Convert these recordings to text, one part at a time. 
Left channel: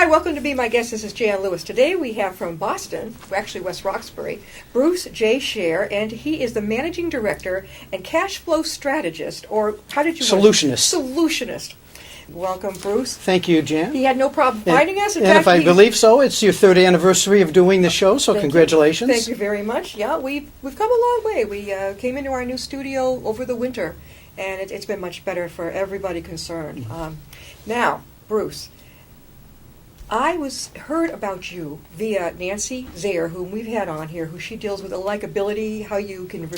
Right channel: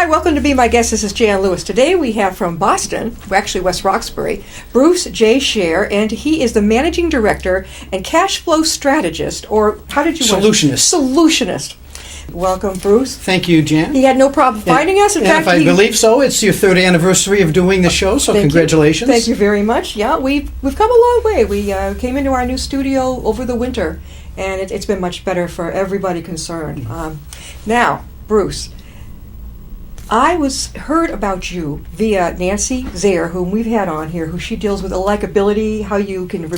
Hi, welcome to Be My Guest. This is Jan Lewis. Today we have from Boston, actually West Roxbury, Bruce J. Scher, and he is the Managing Director and Cash Flow Strategist, or how did you Solutionist. Solutionist. Welcome, Bruce. Thank you, Jan. He had no problem finding us. In fact, if I believe so, it's your third anniversary of doing the show, so congratulations. Thank you very much. Yeah, we've come a long way. We came into our new studio over the winter, and it's been much better for everybody concerned. Now, Bruce, I heard about you via Nancy Zaire, whom we've had on here, who she deals with likability, how you can,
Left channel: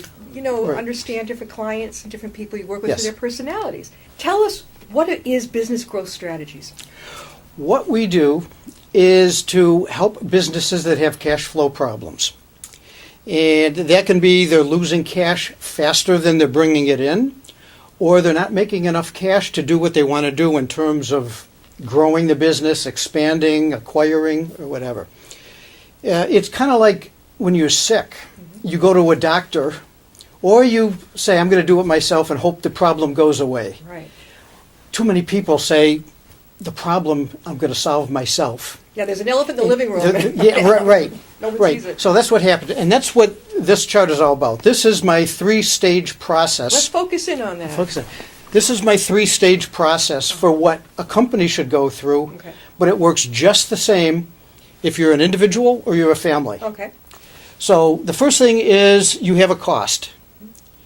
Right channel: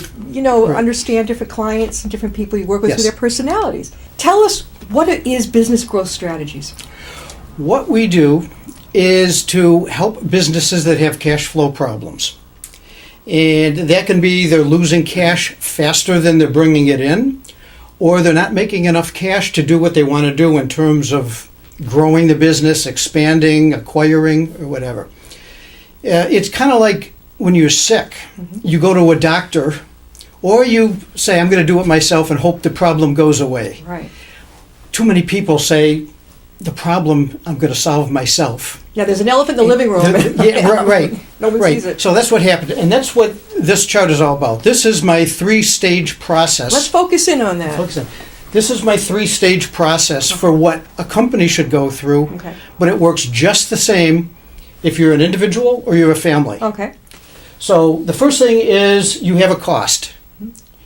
understand different clients and different people you work with through their personalities. Tell us, what is Business Growth Strategies? What we do is to help businesses that have cash flow problems. And that can be they're losing cash faster than they're bringing it in, or they're not making enough cash to do what they want to do in terms of growing the business, expanding, acquiring, or whatever. It's kind of like when you're sick. You go to a doctor, or you say, I'm going to do it myself and hope the problem goes away. Right. Too many people say, the problem I'm going to solve myself. Yeah, there's an elephant in the living room. Right. Nobody sees it. So that's what happened. And that's what this chart is all about. This is my three-stage process. Let's focus in on that. This is my three-stage process for what a company should go through, but it works just the same if you're an individual or you're a family. Okay. So the first thing is you have a cost.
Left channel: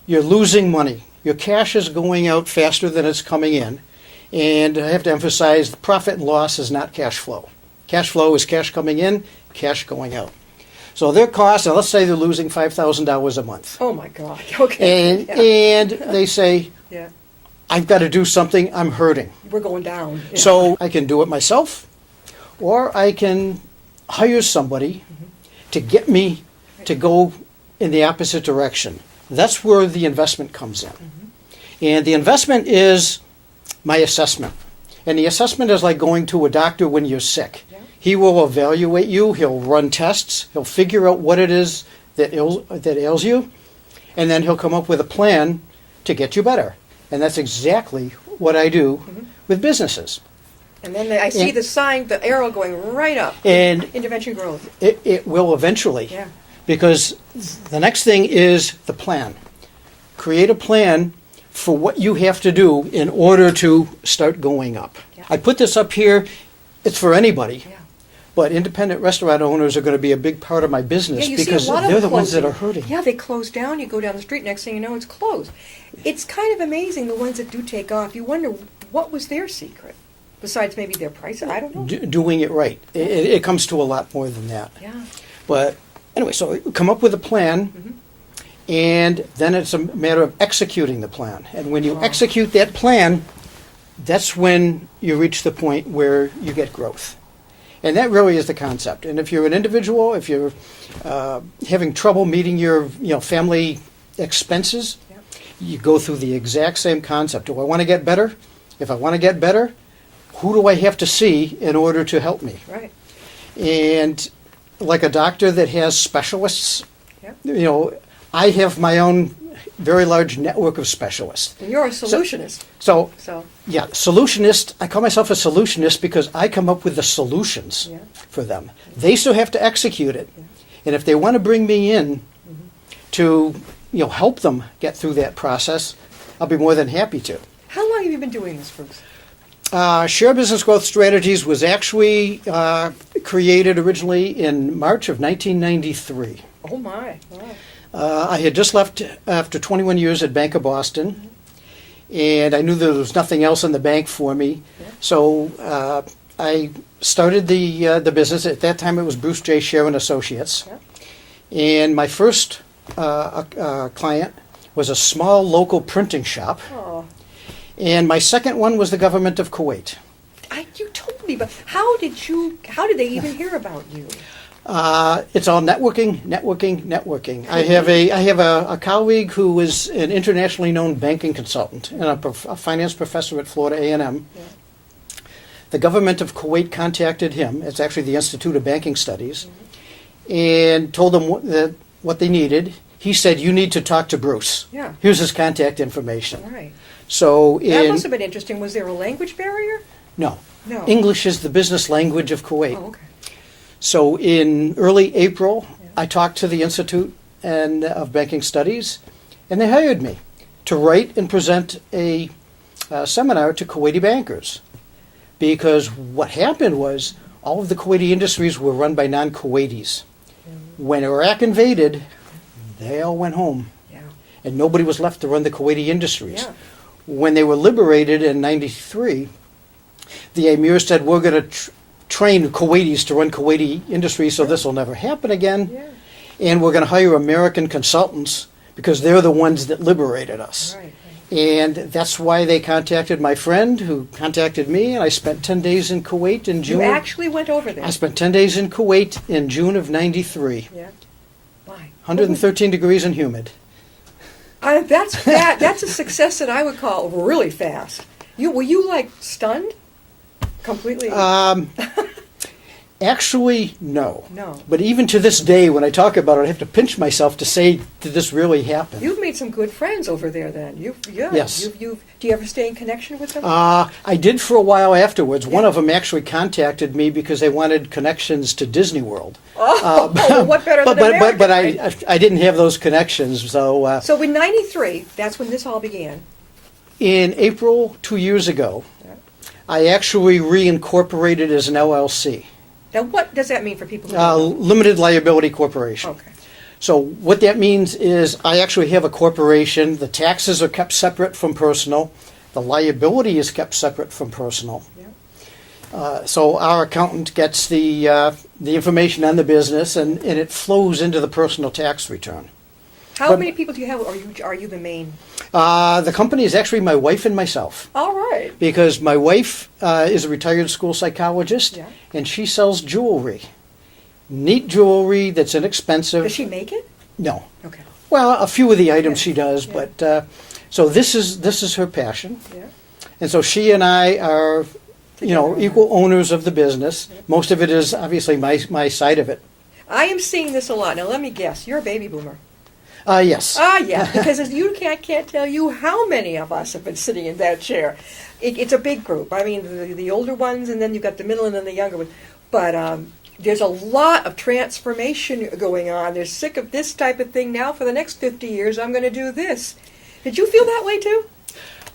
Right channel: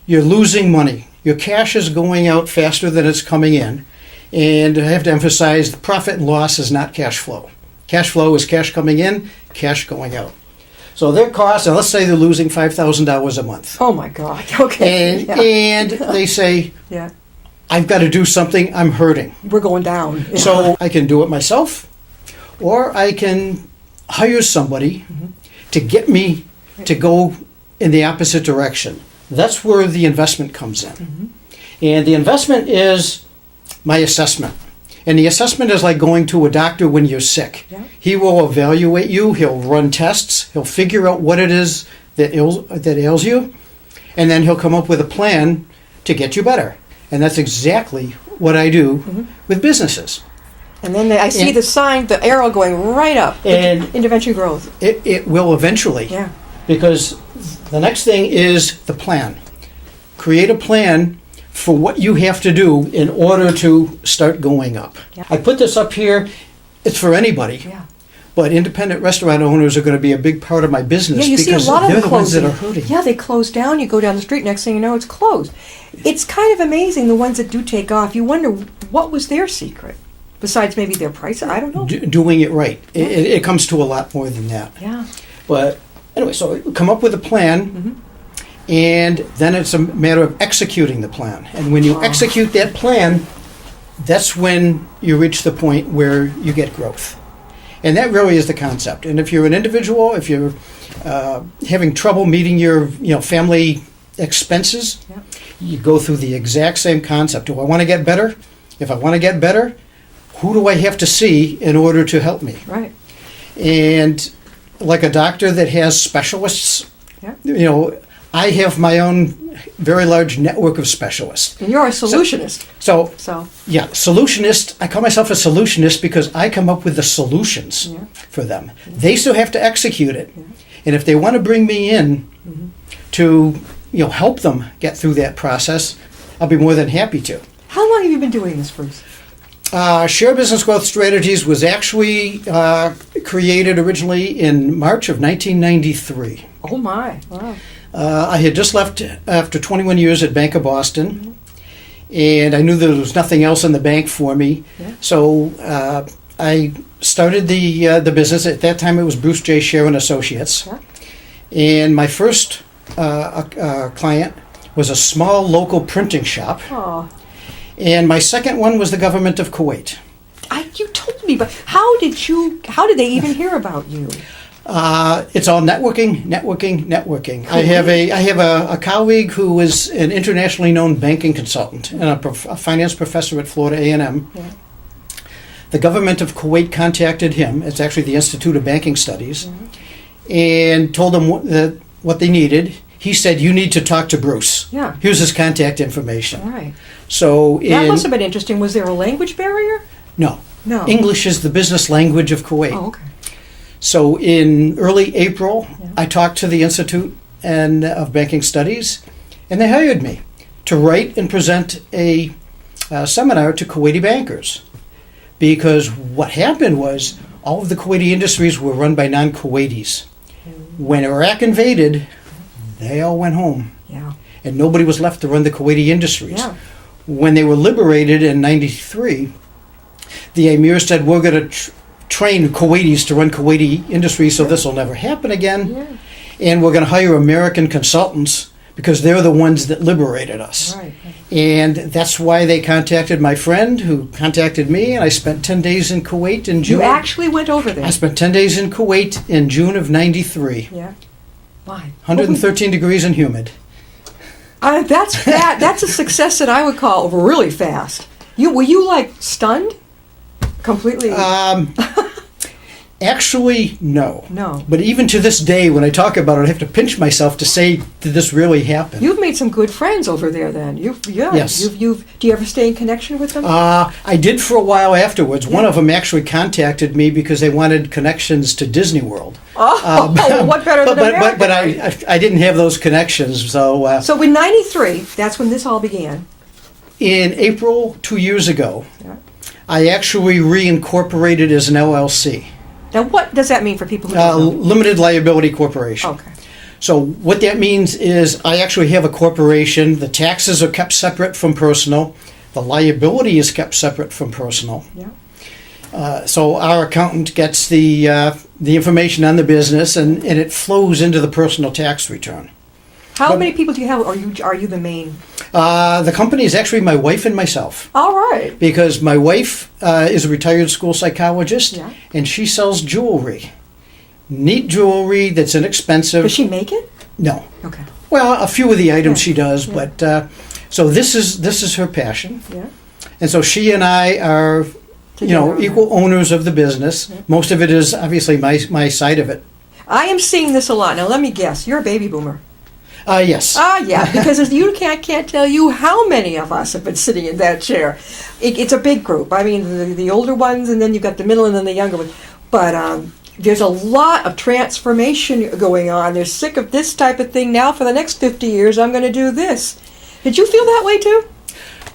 You're losing money. Your cash is going out faster than it's coming in. And I have to emphasize, the profit and loss is not cash flow. Cash flow is cash coming in, cash going out. So their cost, and let's say they're losing $5,000 a month. Oh my God, okay. And they say, I've got to do something, I'm hurting. We're going down. So I can do it myself, or I can hire somebody to get me to go in the opposite direction. That's where the investment comes in. And the investment is my assessment. And the assessment is like going to a doctor when you're sick. He will evaluate you, he'll run tests, he'll figure out what it is that ails you, and then he'll come up with a plan to get you better. And that's exactly what I do with businesses. And then I see the sign, the arrow going right up, and intervention growth. It will eventually. Yeah. Because the next thing is the plan. Create a plan for what you have to do in order to start going up. I put this up here. It's for anybody. But independent restaurant owners are going to be a big part of my business because they're the ones that are hurting. Yeah, they close down. You go down the street, next thing you know, it's closed. It's kind of amazing, the ones that do take off. You wonder, what was their secret? Besides maybe their price? I don't know. Doing it right. It comes to a lot more than that. Yeah. But anyway, so come up with a plan, and then it's a matter of executing the plan. And when you execute that plan, that's when you reach the point where you get growth. And that really is the concept. And if you're an individual, if you're having trouble meeting your family expenses, you go through the exact same concept. Do I want to get better? If I want to get better, who do I have to see in order to help me? Right. And like a doctor that has specialists, I have my own very large network of specialists. And you're a solutionist. So solutionist. I call myself a solutionist because I come up with the solutions for them. They still have to execute it. And if they want to bring me in to help them get through that process, I'll be more than happy to. How long have you been doing this, Bruce? Scher Business Growth Strategies was actually created originally in March of 1993. Oh my, wow. I had just left after 21 years at Bank of Boston, and I knew there was nothing else in the bank for me. So I started the business. At that time, it was Bruce J. Scher and Associates. And my first client was a small local printing shop. And my second one was the government of Kuwait. You told me, but how did they even hear about you? It's all networking. I have a colleague who is an internationally known banking consultant and a finance professor at Florida A&M. The government of Kuwait contacted him. It's actually the Institute of Banking Studies, and told him what they needed. He said, "You need to talk to Bruce. Here's his contact information." Right. So that must have been interesting. Was there a language barrier? No. No. English is the business language of Kuwait. Oh, okay. So in early April, Yeah. I talked to the Institute of Banking Studies, and they hired me to write and present a seminar to Kuwaiti bankers. Because what happened was all of the Kuwaiti industries were run by non-Kuwaitis. When Iraq invaded, they all went home, Yeah. and nobody was left to run the Kuwaiti industries. Yeah. When they were liberated in '93, the Emir said, we're going to train Kuwaitis to run Kuwaiti industries, so this will never happen again. Yeah. And we're going to hire American consultants because they're the ones that liberated us. Right. And that's why they contacted my friend who contacted me, and I spent 10 days in Kuwait in June. You actually went over there. I spent 10 days in Kuwait in June of '93. Yeah. Why? 113 degrees and humid. That's a success that I would call really fast. Were you like stunned? Completely. Actually, no. No. But even to this day, when I talk about it, I have to pinch myself to say, did this really happen? You've made some good friends over there then. Yes. Do you ever stay in connection with them? I did for a while afterwards. One Yeah. of them actually contacted me because they wanted connections to Disney World. Well, what better than America? But right? I didn't have those connections. So So in '93, that's when this all began. in April 2 years ago, Yeah. I actually reincorporated as an LLC, Now, what does that mean for people who don't know? Limited Liability Corporation. Okay. So what that means is I actually have a corporation. The taxes are kept separate from personal. The liability is kept separate from personal. Yeah. So our accountant gets the information on the business, and it flows into the personal tax return. How many people do you have? Are you the main? The company is actually my wife and myself. All right. Because my wife is a retired school psychologist, Yeah. and she sells jewelry. Neat jewelry that's inexpensive. Does she make it? No. Okay. Well, a few of the items Yeah. she does, Yeah. but so this is her passion, Yeah. and so she and I are, Together. equal owners of the business. Most of it is obviously my side of it. I am seeing this a lot. Now, let me guess. You're a baby boomer. Yes. Yeah, because as you can't tell you how many of us have been sitting in that chair. It's a big group. I mean, the older ones, and then you've got the middle, and then the younger ones. But there's a lot of transformation going on. They're sick of this type of thing now. For the next 50 years, I'm going to do this. Did you feel that way too?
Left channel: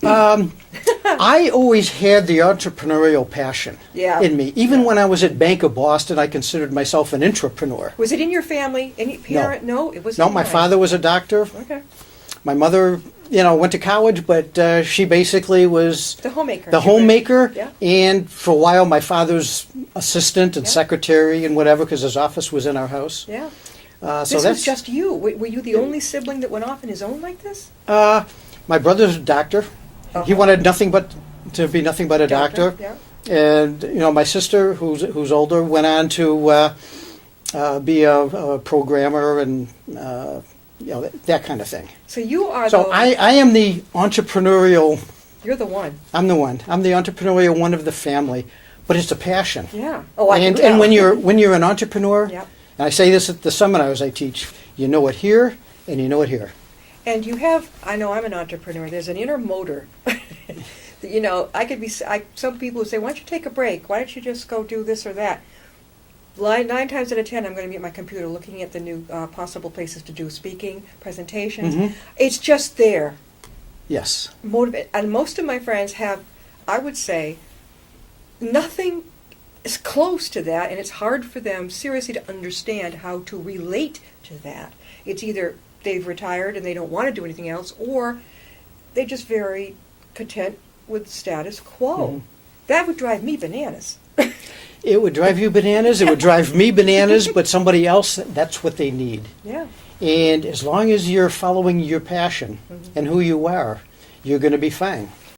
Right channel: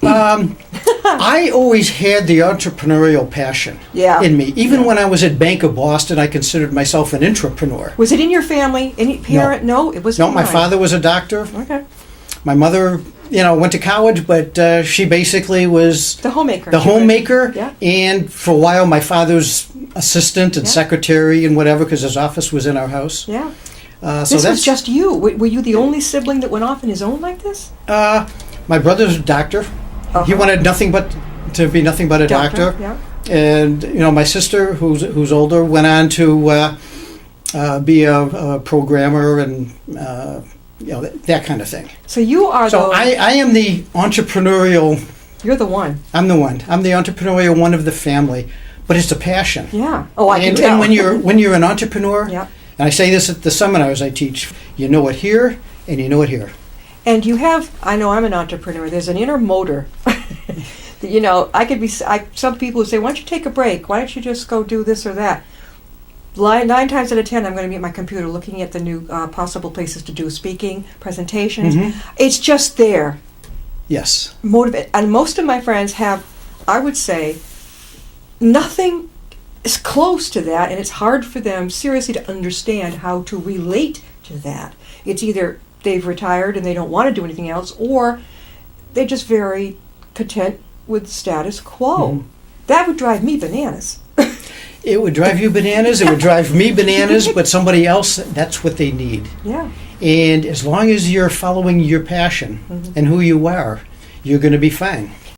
I always had the entrepreneurial passion Yeah. in me. Even when I was at Bank of Boston, I considered myself an entrepreneur. Was it in your family? Any parent? No, it was No, not my mine. father was a doctor. Okay. My mother, went to college, but she basically was The homemaker. the homemaker. Yeah. And for a while, my father's assistant and Yeah. secretary and whatever, because his office was in our house. Yeah. So This that's was just you. Were you the only sibling that went off in his own like this? my brother's a doctor. Uh-huh. He wanted nothing but to be nothing but a doctor. Yeah. And my sister, who's older, went on to be a programmer and that kind of thing. So you are So the. I am the entrepreneurial. You're the one. I'm the one. I'm the entrepreneurial one of the family, but it's a passion. Yeah. Oh, I can And, tell. and when you're an entrepreneur, Yeah. and I say this at the seminars I teach, you know it here and you know it here. And you have, I know I'm an entrepreneur, there's an inner motor. That, I could be, some people who say, why don't you take a break? Why don't you just go do this or that? 9 times out of 10, I'm going to be at my computer looking at the new possible places to do speaking, presentations. Mhm. It's just there. Yes. Motivate. And most of my friends have, I would say, nothing is close to that, and it's hard for them seriously to understand how to relate to that. It's either they've retired and they don't want to do anything else, or they're just very content with status quo. Mhm. That would drive me bananas. It would drive you bananas. It would drive me bananas, but somebody else, that's what they need. Yeah. And as long as you're following your passion and who you are, you're going to be fine.